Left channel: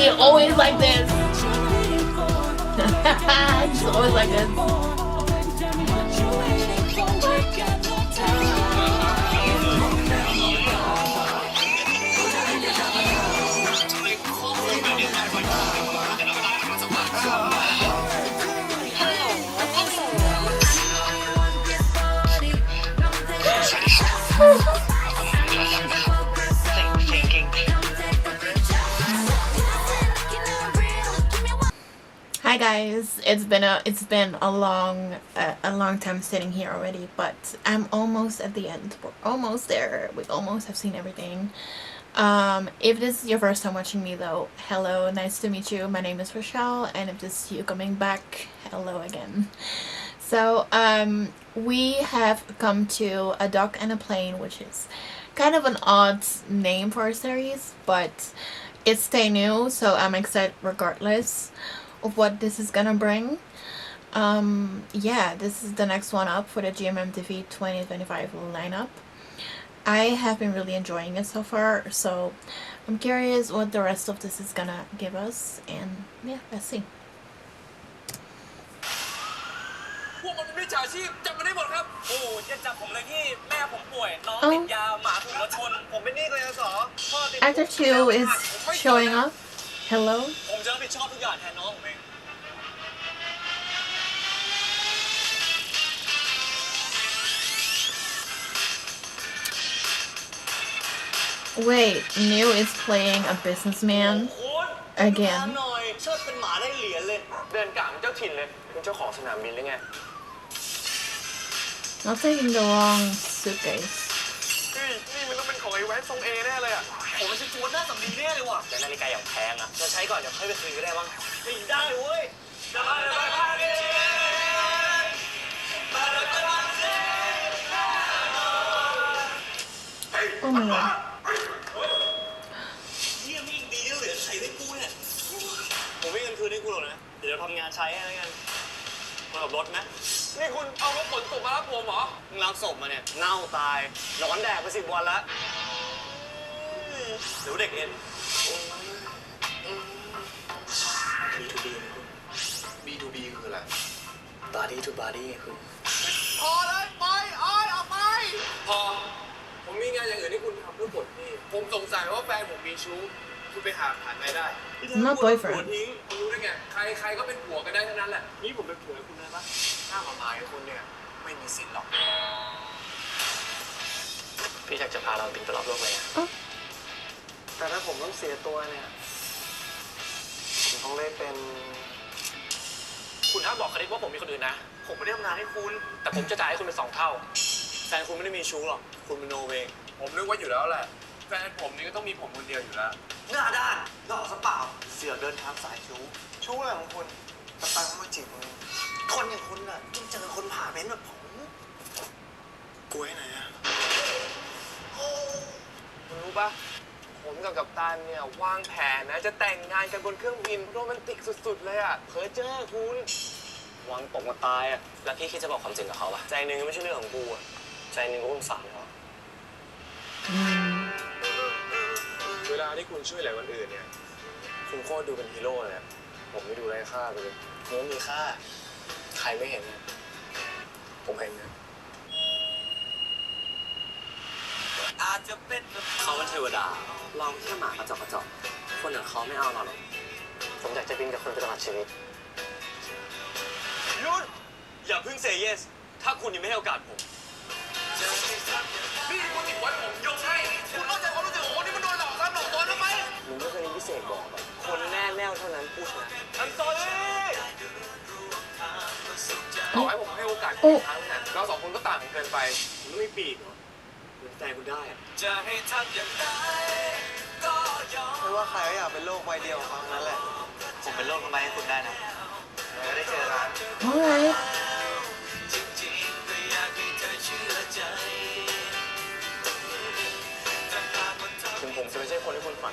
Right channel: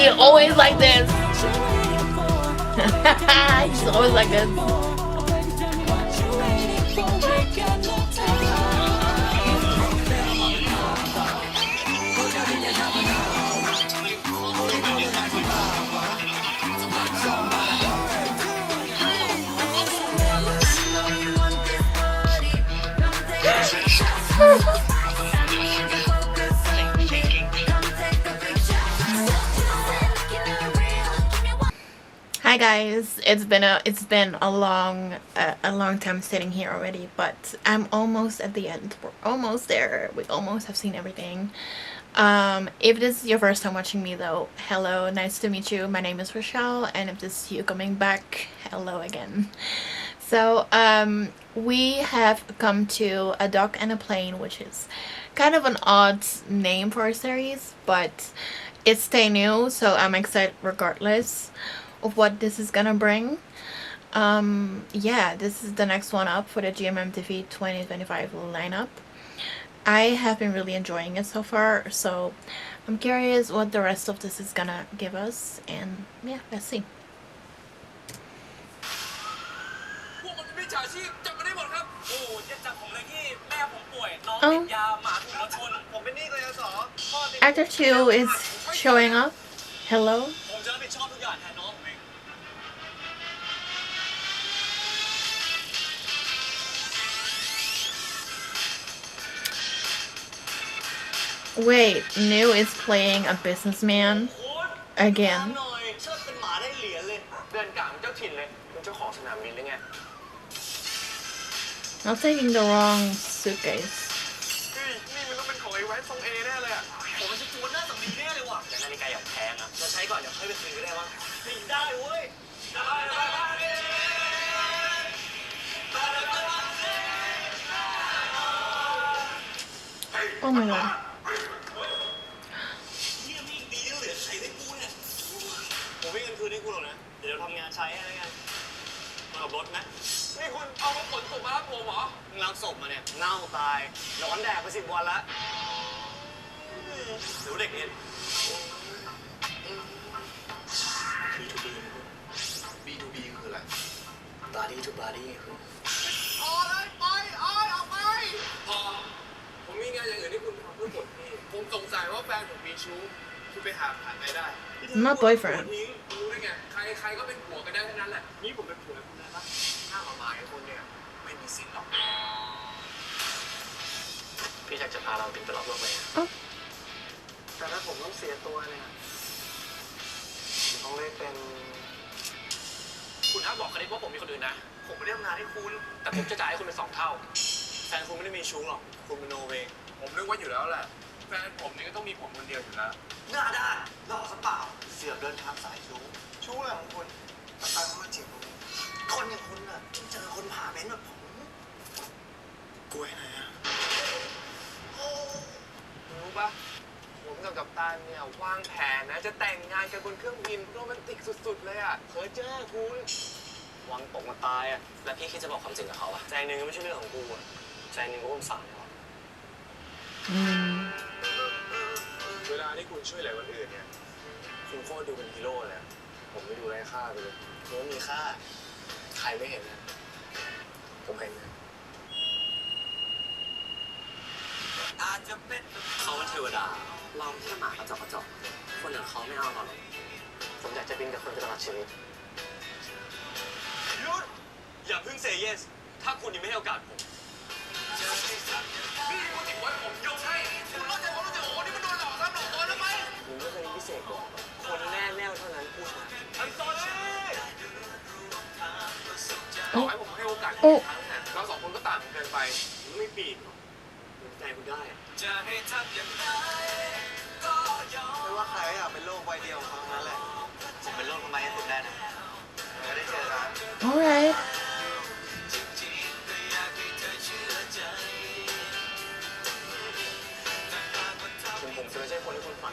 He always like this. He's always like this. Hi guys, it's been a long time sitting here already, but I'm almost at the end. We're almost there. We almost have seen everything. If this is your first time watching me though, hello, nice to meet you. My name is Rochelle, and if this is you coming back, hello again. So we have come to A Dog and a Plane, which is kind of an odd name for a series, but it's TayNew, so I'm excited regardless of what this is gonna bring. Yeah, this is the next one up for the GMMTV 2025 lineup. I have been really enjoying it so far, so I'm curious what the rest of this is gonna give us, and yeah, let's see. Oh, Actor 2 is showing up. Hello. Wait, New is playing a businessman again. Not taking the wrong suitcase. Oh my god. B2B คืออะไร Body to body คือพอเลยไปออกไปพอผมมีงานอย่างอื่นที่คุณทำเพื่อปลดหนี้ผมสงสัยว่าแฟนผมมีชู้คุณไปหาไหนได้ Not boyfriend. คุณรู้ได้ไงใครก็เป็นผัวกันได้ทั้งนั้นแหละนี่ผมเป็นผัวคุณได้ปะถ้ามาหมายคุณเนี่ยไม่มีสิทธิ์หรอกพี่อยากจะพาเราบินไปรอบโลกเลยแต่ถ้าผมต้องเสียตัวเนี่ยผมต้องเล่นเป็นคุณห้ามบอกใครว่าผมมีคนอื่นนะผมไม่ได้ทำงานให้คุณแต่ผมจะจ่ายให้คุณเป็น2 เท่าแฟนคุณไม่ได้มีชู้หรอกคุณเป็นโนเวย์ผมนึกว่าอยู่แล้วแหละแฟนผมนี่ก็ต้องมีผมคนเดียวอยู่แล้วหน้าด้านหลอกซะเปล่าเสียเดินทางสายชู้อะไรของคุณตะตังมาจีบคนอย่างคุณน่ะต้องเจอคนผ่าเป็นแบบผมกลัวไหนอะคุณรู้ปะผมกับกัปตันเนี่ยวางแผนนะจะแต่งงานกันบนเครื่องบินโรแมนติกสุดๆเลยอะเพอเจอคุณวางตกมาตายอะแล้วพี่คิดจะบอกความจริงกับเขาอะใจนึงไม่ใช่เรื่องของกูอะใจนึงก็ต้องสั่งเขาเวลาที่คุณช่วยเหลือคนอื่นเนี่ยคุณโคตรดูเป็นฮีโร่เลยผมไม่ดูไร้ค่าไปเลยเนื้อมีค่าใครไม่เห็นเนี่ยผมเห็นนะเขาเป็นเทวดาเราแค่หมากระจอกคนอย่างเขาไม่เอาเราหรอกผมอยากจะบินกับคุณไปตลอดชีวิตหยุดอย่าเพิ่งเซย์เยสถ้าคุณยังไม่ให้โอกาสผมนี่คุณติดไว้ผมยกให้คุณเข้าใจความรู้สึกของคนที่มันโดนหลอกแล้วหลอกตัวทำไมมึงไม่เคยมีพิเศษบอกคนแน่ๆเท่านั้นพูดนะอันซอรี่ต่อให้ผมให้โอกาสอีกครั้งเนี่ยเรา2 คนก็ต่างกันเกินไปผมไม่มีปีกหรอกใจคุณได้ไม่ว่าใครอยากเป็นโรคใบเดียวครั้งนั้นแหละผมเป็นโรคทำไมให้คุณได้นะไม่ได้เจอกัน Alright. ถึงผมจะไม่ใช่คนที่คุณฝัน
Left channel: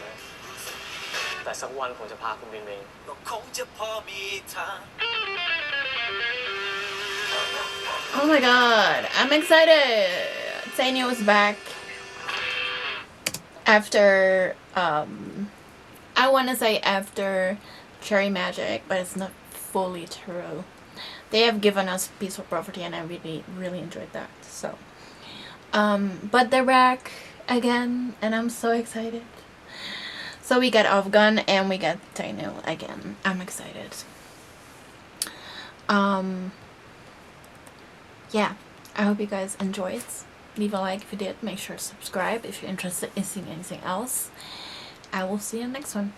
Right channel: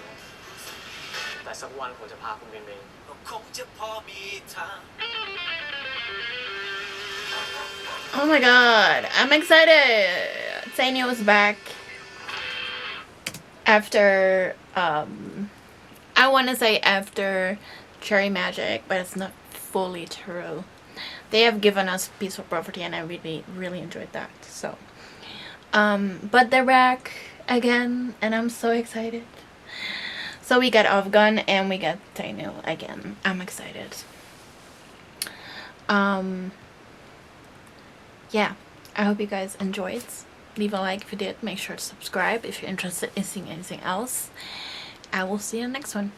แต่สักวันผมจะพาคุณบินเองก็คงจะพอมีทาง Oh my god, I'm excited. TayNew is back after I want to say after Cherry Magic, but it's not fully true. They have given us peaceful property, and I really enjoyed that. So, but they're back again, and I'm so excited. So we got Afghan and we got TayNew again. I'm excited. Yeah, I hope you guys enjoyed. Leave a like if you did. Make sure to subscribe if you're interested in seeing anything else. I will see you in the next one.